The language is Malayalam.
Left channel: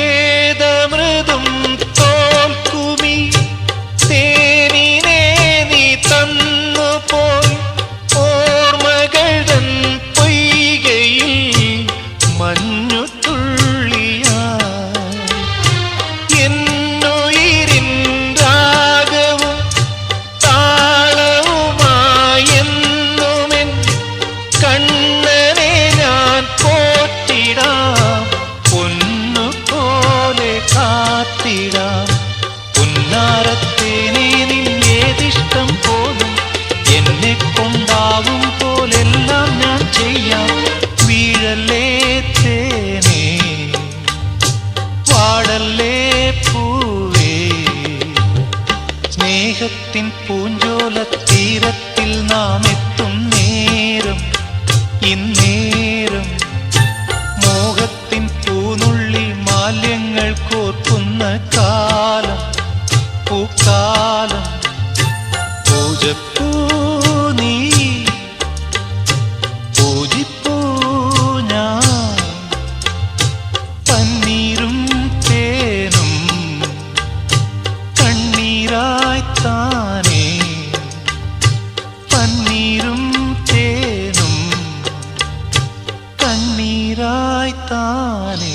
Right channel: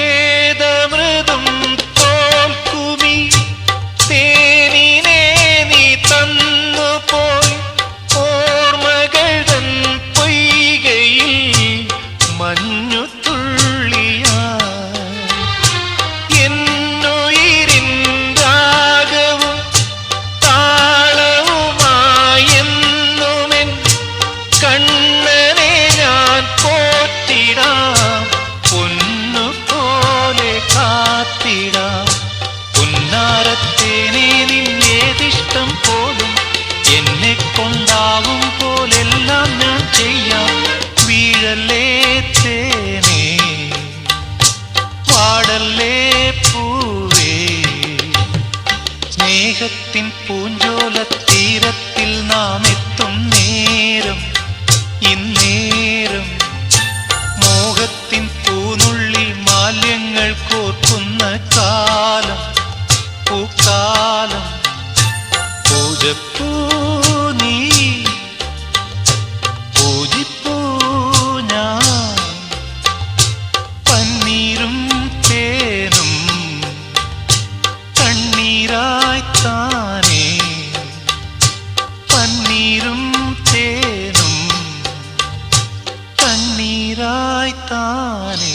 ഏതമൃതും തോൽക്കുമി തേനിനെ നീ തന്നുപോയി ഓർമ്മകൾ തൻ പൊയ്കയിൽ മഞ്ഞുതുള്ളിയായി എന്നുയിരിൻ രാഗവും താളവുമായെന്നുമെൻ കണ്ണനെ ഞാൻ പോറ്റിടാം പൊന്നുപോലെ കാത്തിടാം പുന്നാരത്തേനെ നിന്നേതിഷ്ടം പോലും എന്നെ കൊണ്ടാവും പോലെല്ലാം ഞാൻ ചെയ്യാം വീഴല്ലേ തേനേ വാടല്ലേ പൂവേ സ്നേഹത്തിൻ പൂഞ്ചോല തീരത്തിൽ നാം എത്തും നേരം ഇന്നേരം മോഹത്തിൻ പൂനുള്ളി മാല്യങ്ങൾ കോർക്കുന്ന കാലം പൂക്കാലം പൂജപ്പൂ നീ പൂജിപ്പൂ ഞാൻ പന്നീരും തേനും കണ്ണീരായി താനേ പന്നീരും തേനും കണ്ണീരായി താനേ